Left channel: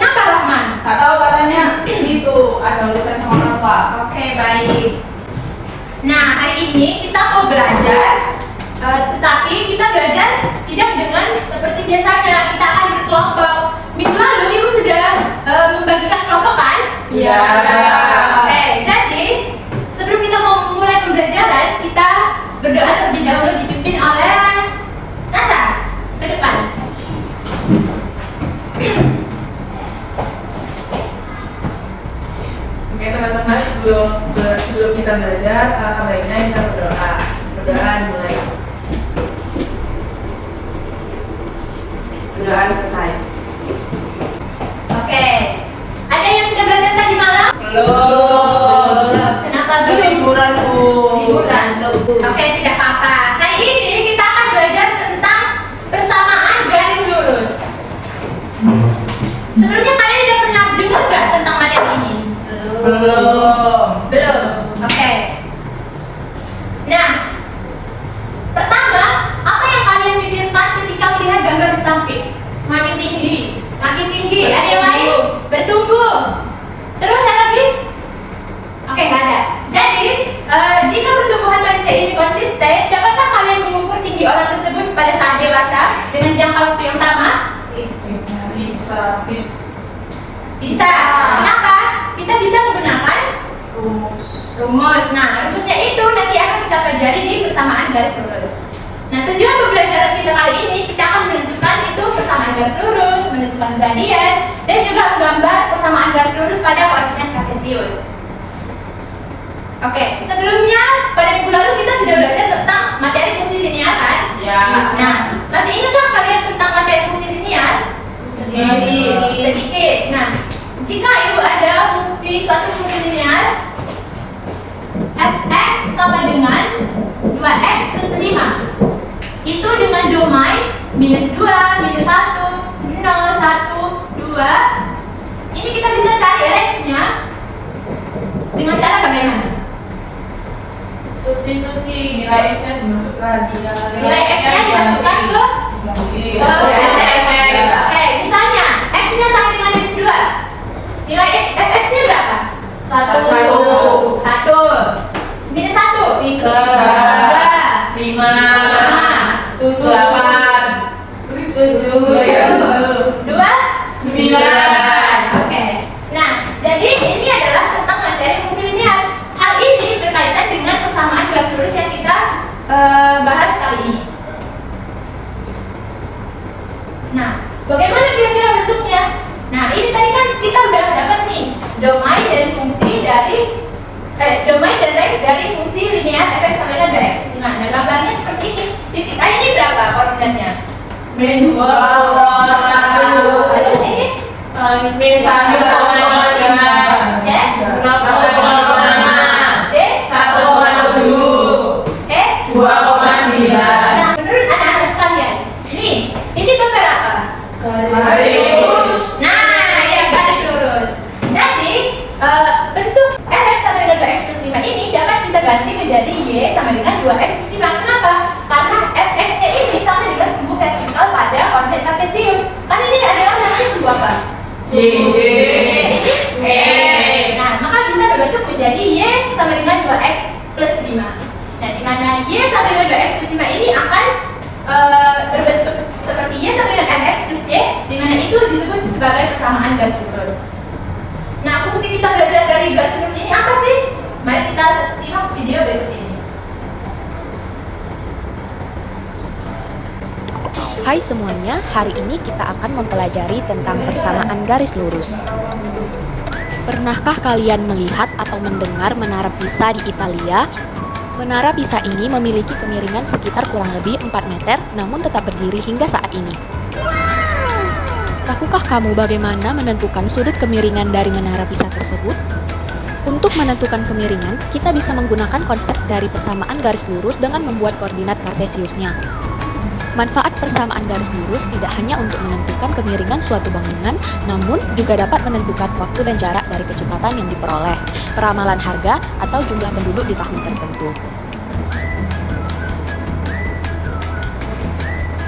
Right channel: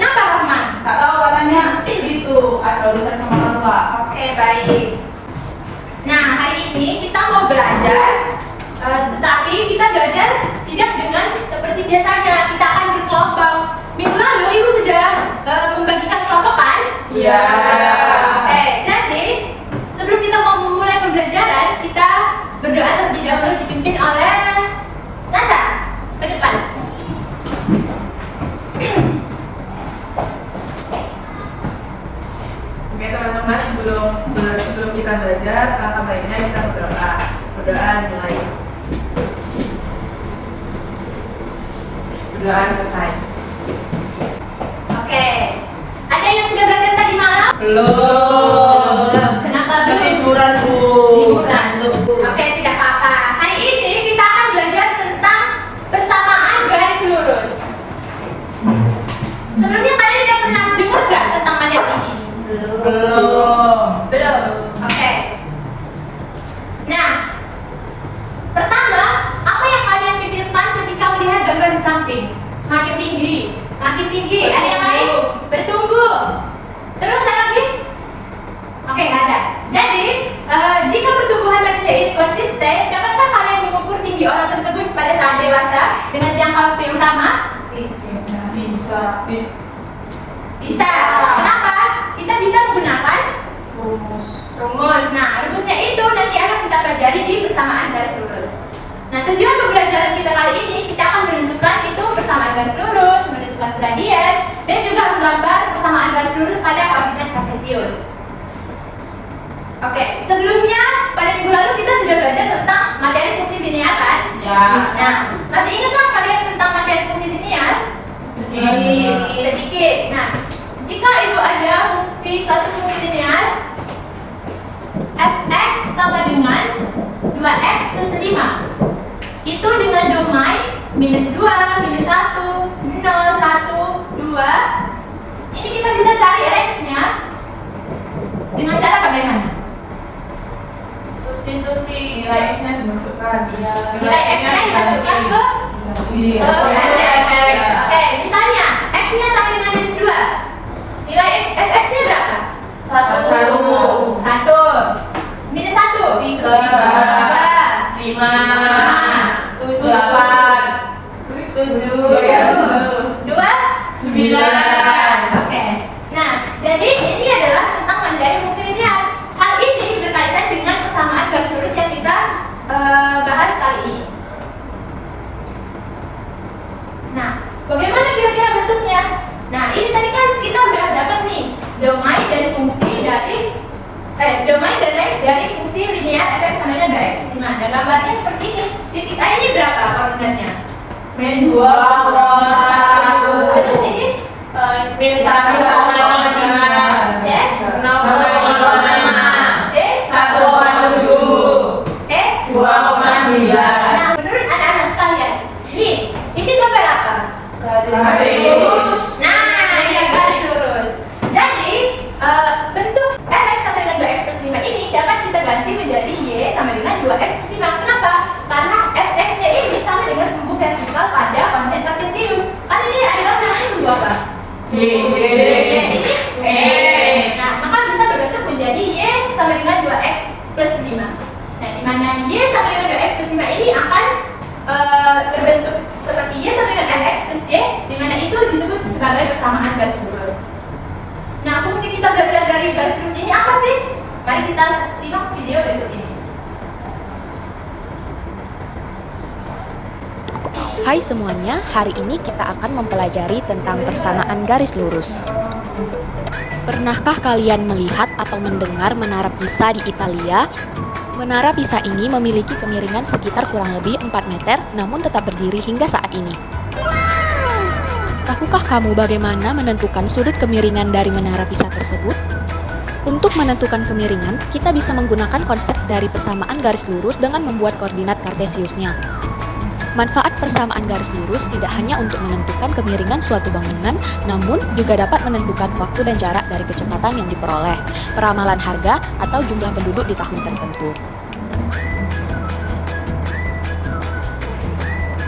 Kenapa Rahman? Tak tahu katanya itu ada urusan sama Bapak. Oke, baik. Nah, hari ini kita mau belajar, tetapi kita belajar tidak dengan seperti biasanya. Kita akan berkelompok. Minggu lalu Ibu sudah membagikan kelompok kan? Iya. Oke, jadi sebelum kita mau mulai pembelajaran, kita berdoa terlebih dahulu dipimpin oleh Nasa. Ke depan. Oke teman-teman, sebelum kita belajar, baiknya kita berdoa. Berdoa dimulai. Berdoa selesai. Oke. Ada yang sudah belajar tadi malam? Belum. Kenapa belum? Liburan Bu. Liburan, Bu. Oke, tidak apa-apa. Hari ini kita akan belajar tentang persamaan garis lurus. Sebelumnya kalian sudah pernah dengar nggak tentang materi ini? Belum. Belum. Oke. Nah, pertama, apa yang kalian pikirkan ketika melihat gambar di samping? Semakin tinggi. Semakin tinggi. Ada yang lain? Bertumbuh. Terus ada lagi? Oke, nggak ada. Jadi, jika pertumbuhan manusia ini konsisten, dapatkah kalian mengukur tinggi orang tersebut pada saat dewasa dengan jangka waktu yang sama? Bisa. Bisa. Kenapa? Kita bisa menggunakan Rumus. rumus. Nah, rumusnya itu nanti akan kita pelajari di persamaan garis lurus. Nah, tujuan pembelajaran kita kali ini, kita akan menentukan itu persamaan garis lurus, menentukan gradien, dan juga menggambar persamaan garis lurus pada koordinat kartesius. Oke, sebelumnya pada minggu lalu kita sudah belajar tentang materi fungsi linear kan? Ya. Nah, masih ingatkah kalian tentang materi fungsi linear? Sedikit. Nah, jika Ibu ada suatu fungsi linear fx sama dengan 2x plus 5, itu dengan domain minus 2, minus 1, 0, 1, 2, ini kita bisa cari x-nya dengan cara bagaimana? Substitusi nilai x-nya dimasukkan. Nilai x-nya dimasukkan ke Oke, misalnya x-nya sama dengan minus 2, nilai fx-nya berapa? 1, minus 1, 3, 5, 7, 2, 9. Oke. Nah, jadi ini adalah tentang materi fungsi linear. Hal ini berkaitan dengan persamaan garis lurus yang kita bahas kali ini. Nah, bagaimana kira-kira bentuknya? Nah, ini tadi kan kita udah dapat nih domain dan fungsi dari domain dan range dari fungsi linear fx sama dengan 2x plus 5. Nah, gambarnya seperti ini. Titik A ini berapa koordinatnya? Min 2, Terus ini min 1,5, C, D, 1,7, E, 2,9. Nah, menurut anak-anak sekalian, ini gambar apa? Garis lurus. Nah, ya garis lurus. Jadi, bentuk fx sama dengan 2x plus 5 ini dapat kita ganti menjadi y sama dengan 2x plus 5. Kenapa? Karena fx-nya ini sama dengan sumbu vertikal pada koordinat kartesius. Kan ini adalah namanya sumbu apa? Y. X. Nah, maka bisa berbentuk menjadi y sama dengan 2x plus 5. Nah, di mana y sama dengan 2x plus 5 ini akan berbentuk seperti y sama dengan mx plus y, di mana itu disebut sebagai persamaan garis lurus. Nah, fungsi kita belajar dari garis lurus ini apa sih? Mari kita simak video berikut ini. Hai semuanya, hari ini kita akan mempelajari tentang persamaan garis lurus. Pernahkah kalian melihat atau mendengar Menara Pisa di Italia? Menara Pisa ini memiliki kemiringan sekitar kurang lebih 4 meter, namun tetap berdiri hingga saat ini. Tahukah kamu bagaimana menentukan sudut kemiringan dari Menara Pisa tersebut? Untuk menentukan kemiringan, kita bisa menggunakan konsep dari persamaan garis lurus dengan membuat koordinat kartesiusnya. Manfaat persamaan garis lurus tidak hanya untuk menentukan kemiringan suatu bangunan, namun juga dapat menentukan waktu dan jarak dari kecepatan yang diperoleh, peramalan harga, atau jumlah penduduk di tahun tertentu.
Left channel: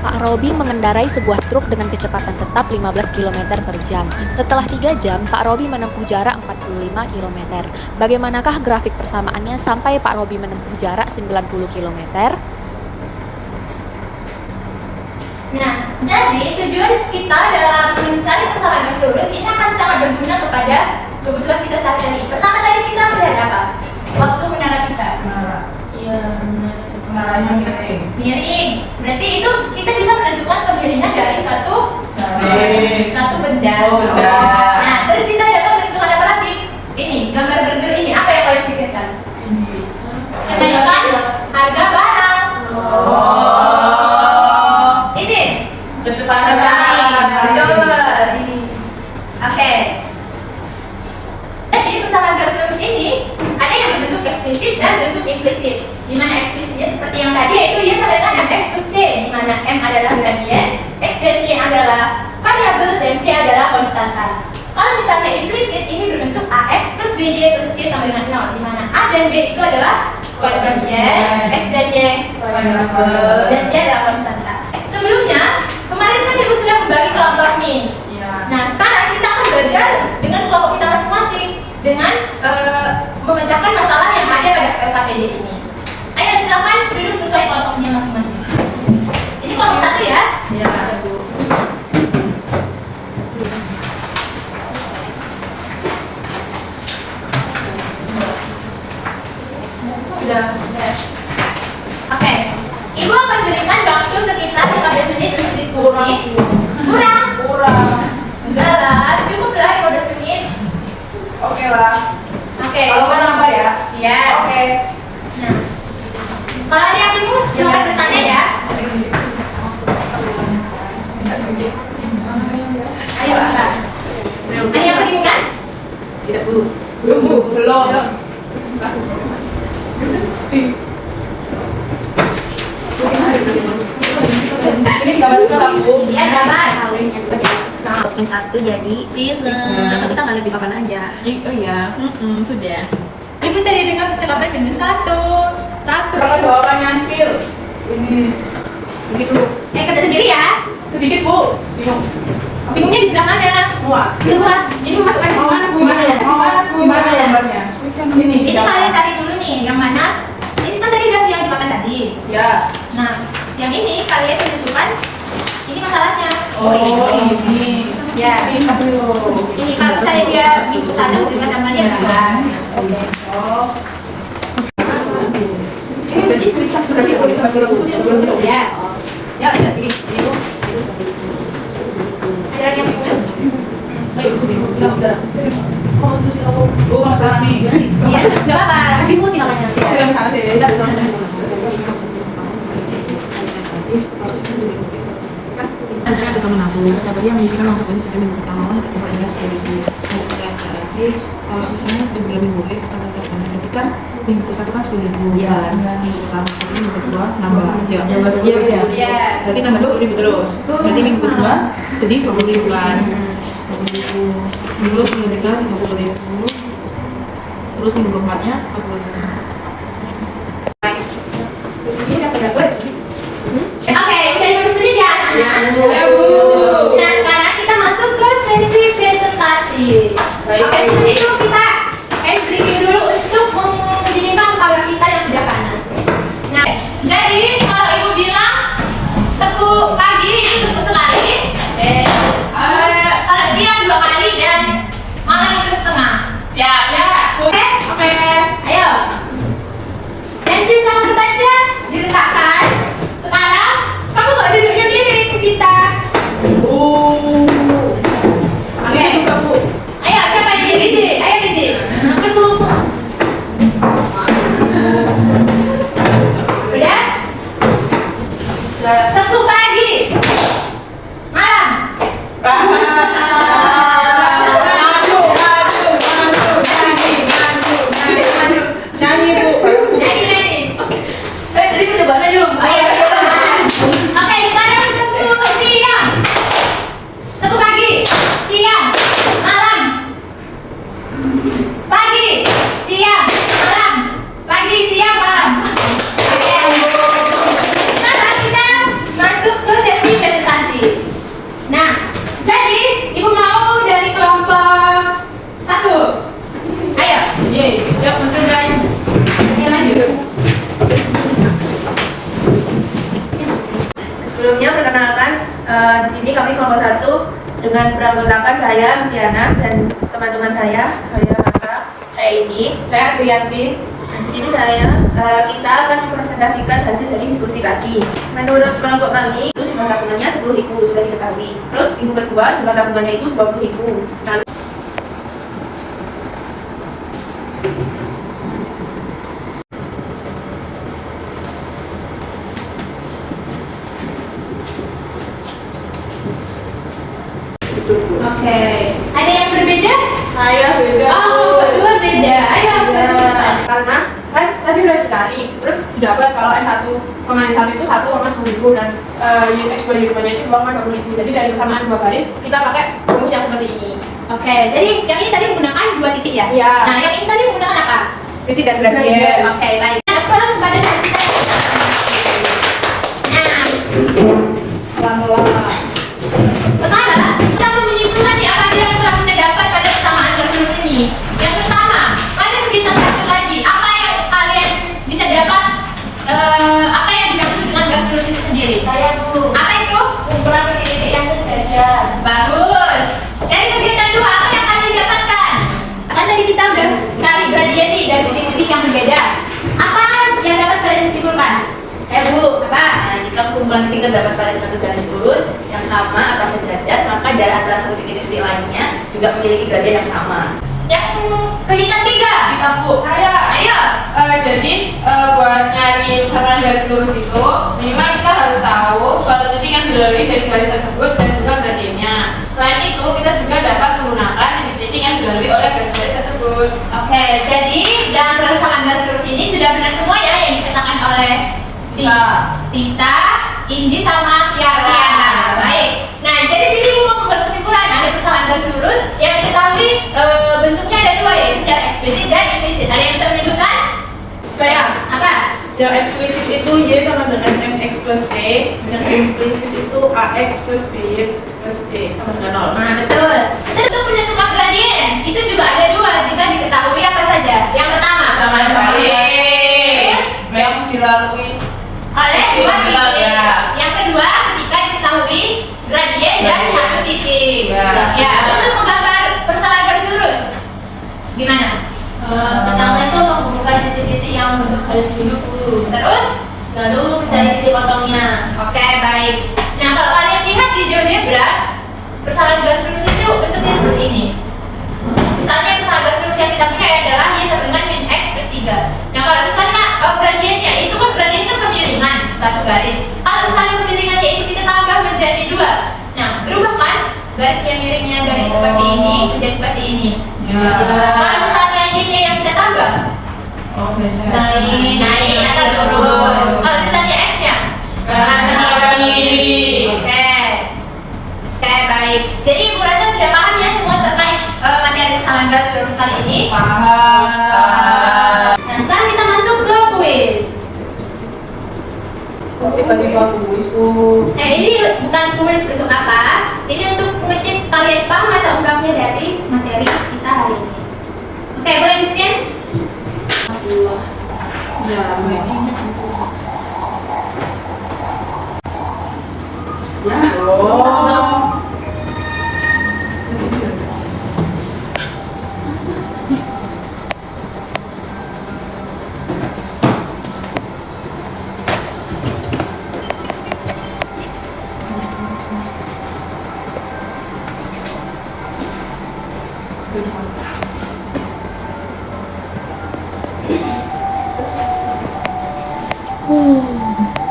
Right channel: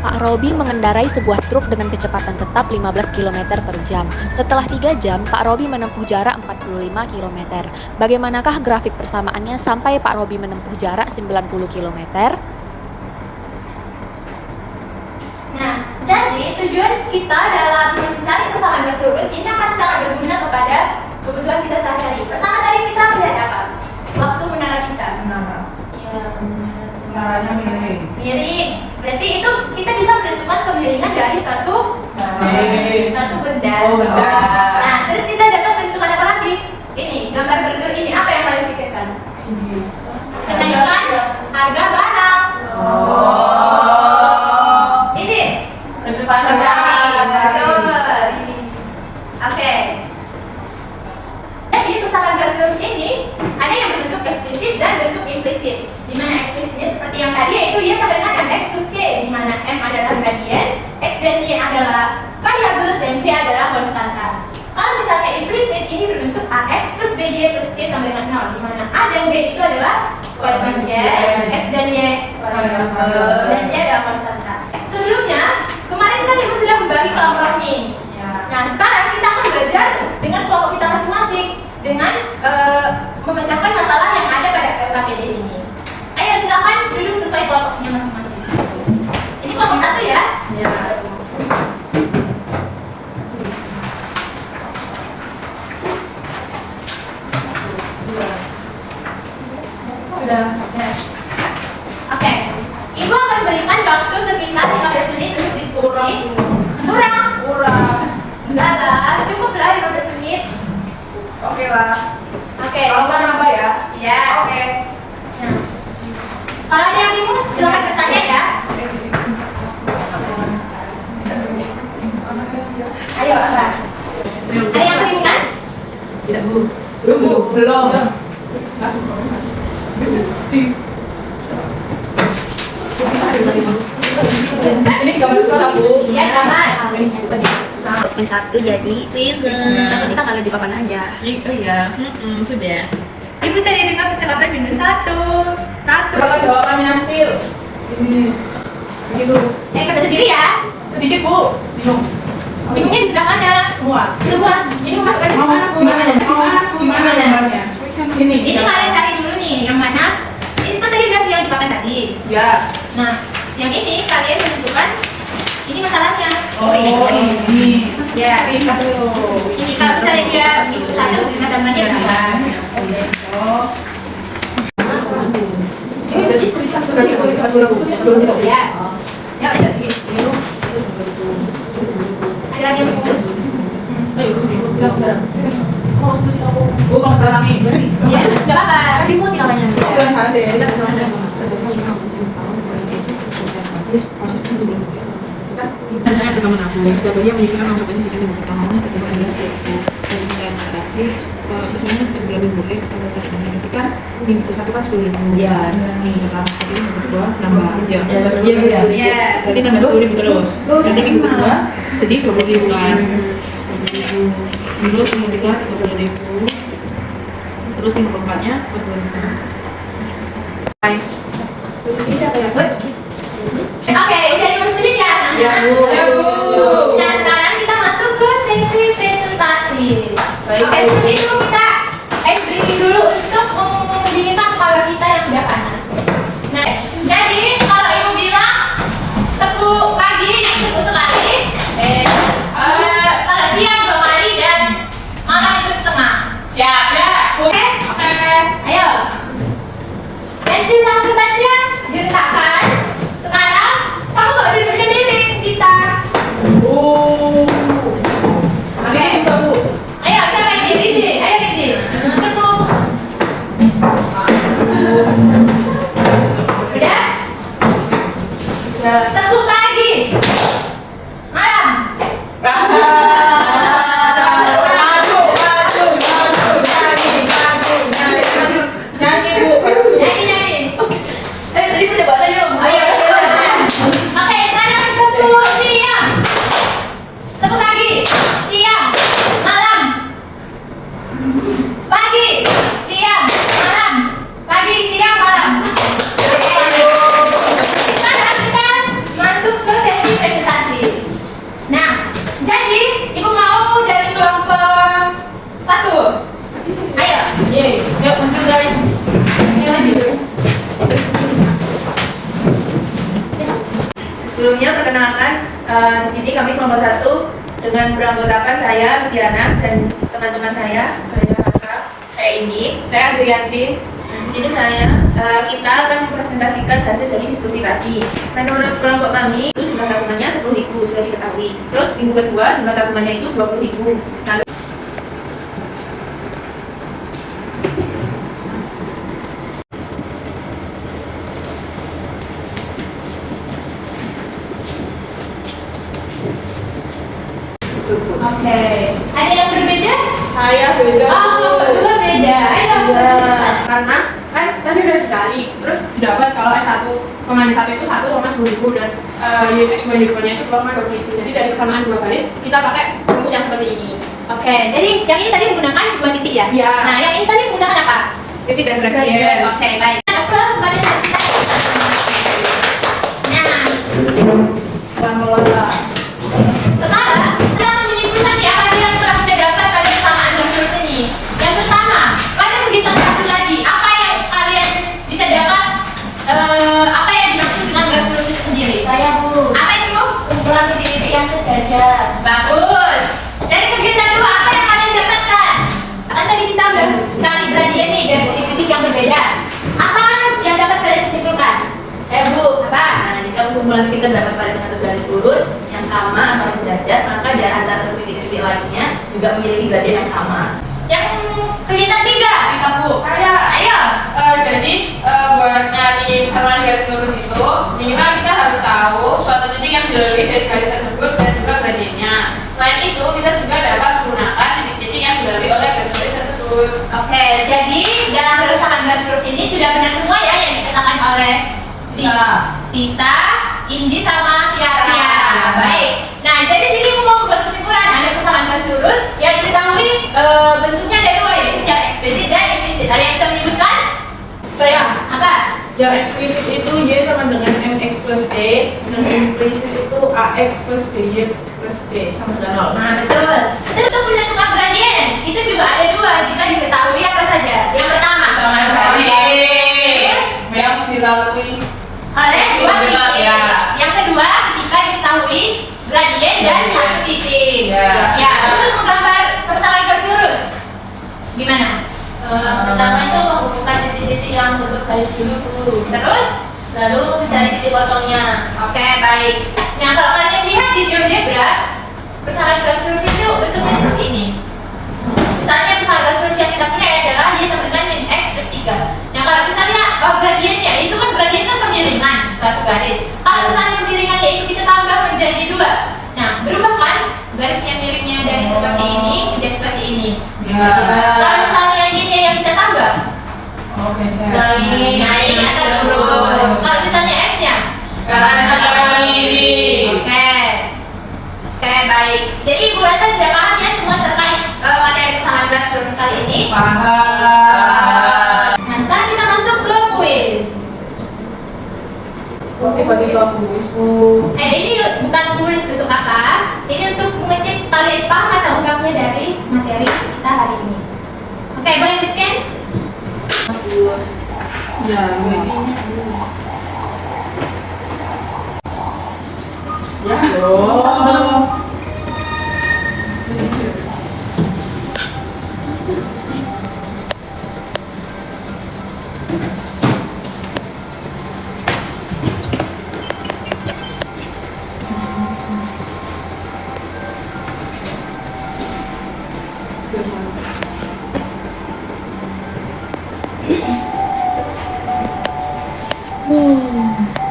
Pak Robi mengendarai sebuah truk dengan kecepatan tetap 15 km per jam. Setelah 3 jam, Pak Robi menempuh jarak 45 km. Bagaimanakah grafik persamaannya sampai Pak Robi menempuh jarak 90 km? Nah, jadi tujuan kita dalam mencari persamaan garis lurus ini akan sangat berguna kepada kebutuhan kita sehari-hari. Pertama tadi kita melihat apa? Waktu menara Pisa. Iya, menaranya miring. Miring. Berarti itu kita bisa menentukan kemiringan dari suatu benda. Oh, benda. Nah, terus kita dapat menentukan apa lagi? Ini, gambar burger ini apa yang kalian pikirkan? Kenaikan harga barang. Ini Kecepatan jalan. betul. Oke. Jadi persamaan garis lurus ini ada yang berbentuk eksplisit dan bentuk implisit. Di mana eksplisitnya seperti yang tadi yaitu y sama dengan mx plus c, di mana m adalah gradien, x dan y adalah variabel dan c adalah konstanta. Kalau misalnya implisit ini berbentuk ax plus bj plus c sama dengan 0, di mana a dan b itu adalah koefisien, x dan y dan c adalah konstanta. Sebelumnya kemarin kan ibu sudah membagi kelompok nih. Nah, sekarang kita akan belajar dengan kelompok kita masing-masing dengan memecahkan masalah yang ada pada LKPD ini. Ayo silakan duduk sesuai kelompoknya masing-masing. Ini kelompok 1 ya. Iya, Bu. Sudah. Oke. Ibu akan berikan waktu sekitar 15 menit untuk diskusi. Kurang. Enggak lah, cukup lah 15 menit. Oke lah. Oke. Kalau kan nambah ya? Ya, oke. Nah, kalau ada yang bingung, silakan bertanya ya. Ayo, apa? Ada yang kebingungan? Tidak, Bu. Belum. Ini gambar sekarang, Bu. Iya, gambar. Yang satu jadi tapi kita nggak lihat di papan aja. Oh iya. Sudah. Ibu tadi dengar percakapan minus 1. Kalau jawabannya spill. Ini Gitu. Kerja sendiri ya. sedikit, Bu. Bingung. Bingungnya di sebelah mana? Semua. Semua. Ini masukkan Mau mana? gimana gambarnya? Ini. Ini kalian cari dulu nih, yang mana? Ini kan tadi udah yang di papan tadi. Ya. Nah, yang ini kalian menentukan ini masalahnya. Oh, ini. Ya. Ini dulu. Ini kalau misalnya dia ikut sana dengan namanya berapa? Oh. Ya. Ya, udah. Ada lagi yang terus? Bu, kalau sekarang nih. Ya, nggak apa-apa. Diskusi namanya. Oh, yang sana sih. Saya suka mengatur. Sebetulnya mengisahkan masukkan sekian pertama untuk kemudian seperti itu. Dan sekian nanti ini juga lebih boleh setelah pertemuan itu kan minggu satu kan 10.000. Iya. Minggu pertama ini minggu kedua nambah. Iya. Iya. Iya. Berarti nambah 10.000 terus. Nanti minggu kedua jadi 20.000 kan. 20.000. Terus minggu ketiga 20.000. Terus minggu keempatnya 40.000. Oke, udah 15 menit ya anak-anak? Ya, Bu. Nah, sekarang kita masuk ke sesi presentasi. Baik, Oke, Bu. sebelum itu kita ice breaking dulu untuk mendinginkan kepala kita yang udah panas. Nah, jadi kalau ibu bilang tepuk pagi ini tepuk sekali, kalau siang 2 kali dan malam itu setengah. Siap ya? Oke, oke. Ayo. Pensil sama kertasnya diletakkan. Sekarang kamu nggak duduknya miring kita. Oke. Juga, Bu. Ayo, siapa ini? Didi. Ayo, Didi. Tepuk. Udah? Tepuk pagi. Malam. Nyanyi, Bu. Nyanyi. Tadi kita coba aja, Bu. Ayo. Oke, sekarang tepuk siang. Tepuk pagi. Siang. Malam. Pagi. Siang. Malam. Pagi, siang, malam. Oke. Sekarang kita masuk ke sesi Di sini kami kelompok 1 dengan beranggotakan saya, Luciana, dan teman-teman saya Rasa, saya Indi, Saya Adrianti. di sini kita akan mempresentasikan hasil dari diskusi tadi. Menurut kelompok kami itu jumlah temannya 10.000 sudah diketahui. Terus minggu kedua jumlah temannya itu 20.000. Lalu Oke. Ada yang berbeda? saya beda. Oh, berdua beda. Ayo, Iya. Karena kan tadi udah dicari, terus dapat kalau S1 pemain 1 itu 1,10.000 dan unit X2 unitnya itu 20.000. Jadi dari persamaan 2 baris kita pakai rumus yang seperti ini. Oke, jadi yang ini tadi menggunakan 2 titik ya? Iya. Nah, yang ini tadi menggunakan apa? Titik dan gradien. Oke, baik. Apa pada saat kita... Nah, Pelan-pelan. sekarang kita mau menyimpulkan ya apa yang telah kita dapat pada persamaan garis ini. Yang pertama, kalian bisa satu lagi. Apa yang kalian bisa dapat? Apa yang dimaksud dengan garis lurus itu sendiri? Saya Bu, Apa itu? kumpulan titik-titik yang sejajar. Bagus. Dari kegiatan 2, apa yang kalian dapatkan? Kan tadi kita udah cari gradien nih dari titik-titik yang berbeda. Apa yang dapat kalian simpulkan? Bu, apa? Nah, jika kumpulan titik terdapat pada suatu garis lurus yang sama atau sejajar, maka jarak antara satu titik-titik lainnya juga memiliki gradien yang sama. Yang kegiatan 3, Aku, saya. ayo. Jadi buat nyari persamaan garis lurus itu minimal kita harus tahu suatu titik yang dilalui dari garis tersebut dan juga gradiennya. Selain itu kita juga dapat menggunakan titik-titik yang dilalui oleh garis-garis tersebut. Oke, jadi dalam persamaan garis lurus ini sudah benar semua ya yang dikatakan oleh Tita, Indi sama Tiara. Baik. Nah, jadi sini mau membuat kesimpulan ada persamaan garis lurus yang diketahui bentuknya ada 2 yaitu secara eksplisit dan implisit. Ada yang bisa menyebutkan? Saya Apa? yang eksplisit itu Y sama dengan MX plus D, yang implisit itu AX plus BY plus C sama dengan 0. Nah, betul. Dan untuk menentukan gradien itu juga ada 2 jika diketahui apa saja. Yang pertama, Sama sekali. Terus? Yang dilalui oleh 2 titik. Ya. Yang kedua, ketika diketahui gradien dan Gradien. 1 titik. Ya. Ya, untuk menggambar persamaan garis lurus. Gimana? Pertama itu menghubungkan titik-titik yang bentuk garis dulu, Terus? lalu mencari titik potongnya. Oke, baik. Nah, kalau kalian lihat di GeoGebra, persamaan garis lurus itu bentuknya seperti ini. Misalnya persamaan garis lurus yang kita punya adalah Y sama dengan min X plus 3. Nah, kalau misalnya gradiennya, itu kan gradiennya kemiringan, satu garis. Kalau misalnya kemiringannya itu kita tambah menjadi 2. Nah, berubah kan? Garisnya miringnya dari seperti ini menjadi seperti ini. Kalau misalnya Y-nya yang kita tambah, Oke, saya. naik atau turun. Kalau misalnya X-nya, Kanan kiri. Oke, baik. Jadi Ibu rasa sudah paham ya semua terkait materi persamaan garis lurus kali ini. Paham. Nah, sekarang kita masuk ke kuis. Tiba-tiba buku. Ini bukan kuis untuk apa? Ini untuk ngecek kalian paham atau enggaknya dari materi kita hari ini. Oke, boleh di scan? Ya, Oh.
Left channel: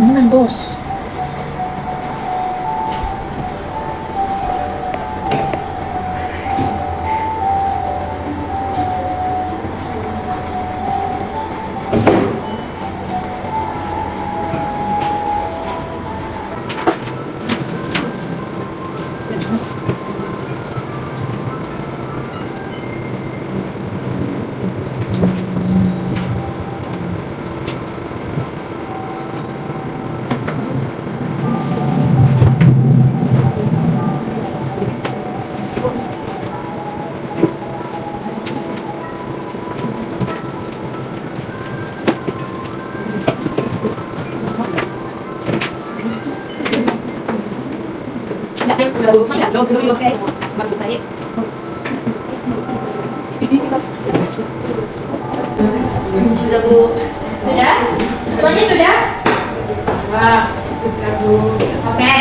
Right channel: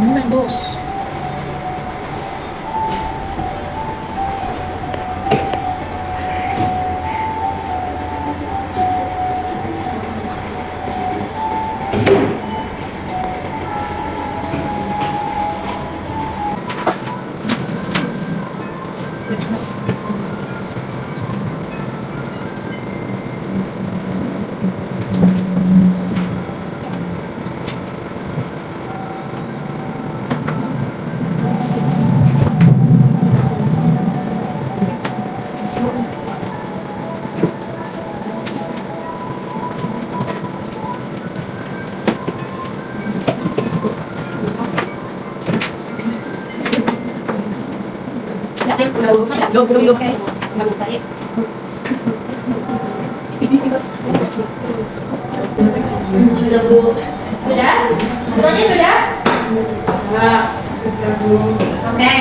Menang bos. Sudah Bu? Sudah? Semuanya sudah? Sudah Bu. Oke.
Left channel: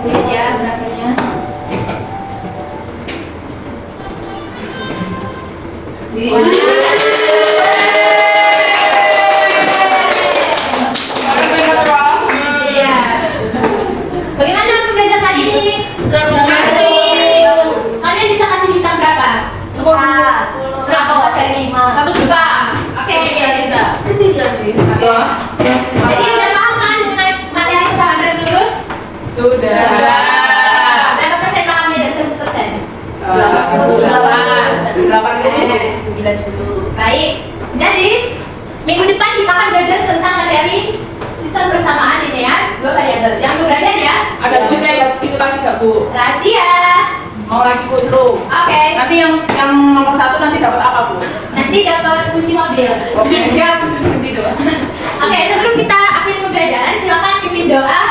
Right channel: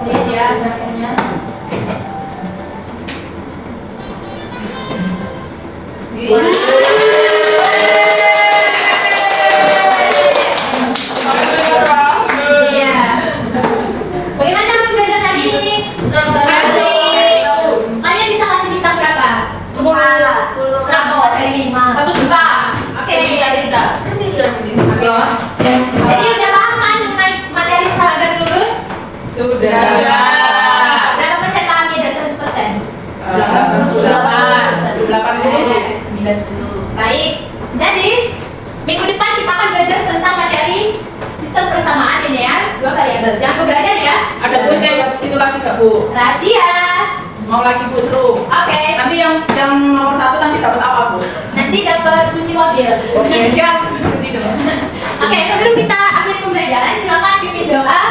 Lihat ya seragamnya. Iya. Bagaimana untuk belajar hari ini? Kalian bisa kasih bintang berapa? 10. 100 dari 5. 1 juta. Oke, Iya, kita. jadi udah paham kan mengenai materi bersama garis lurus? Sudah. Berapa persen pahamnya dari 100%? 8. Baik. Jadi minggu depan kita akan belajar tentang materi sistem persamaan ini ya, 2 variabel. Jangan lupa belajar ya. Ada kuisnya itu lagi gak Bu? Rahasia. Mau lagi Bu seru. Oke. Nanti yang nomor 1 nanti dapat apa Bu? Nanti dapat kunci mobil. Oke siap. Oke, sebelum kita akhiri pembelajaran, silakan pimpin doa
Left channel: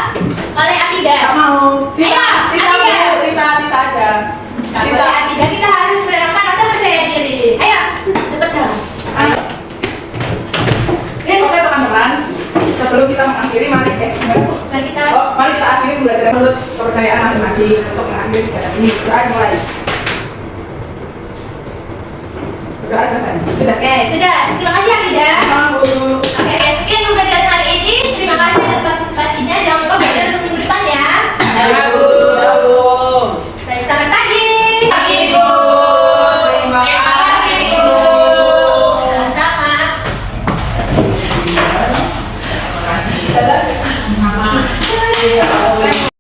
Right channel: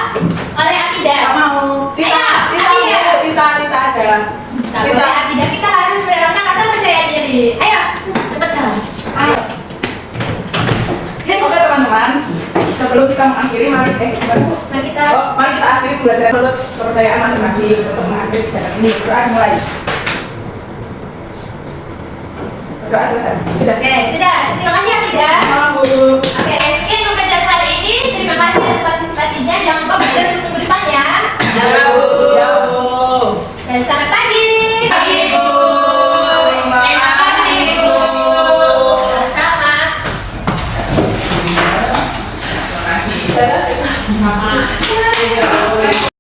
oleh Akidah. Gak mau. Ayo, Akidah. Tita aja. Gak boleh Akidah, kita harus menerapkan rasa percaya diri. Ayo, cepat jalan. Ayo. Oke teman-teman, sebelum kita mengakhiri mari Mari kita mari kita akhiri pembelajaran menurut kepercayaan masing-masing untuk mengakhiri kegiatan ini. Doa mulai. Doa selesai. Sudah. Oke, sudah. Terima kasih Akidah. Sama Bu.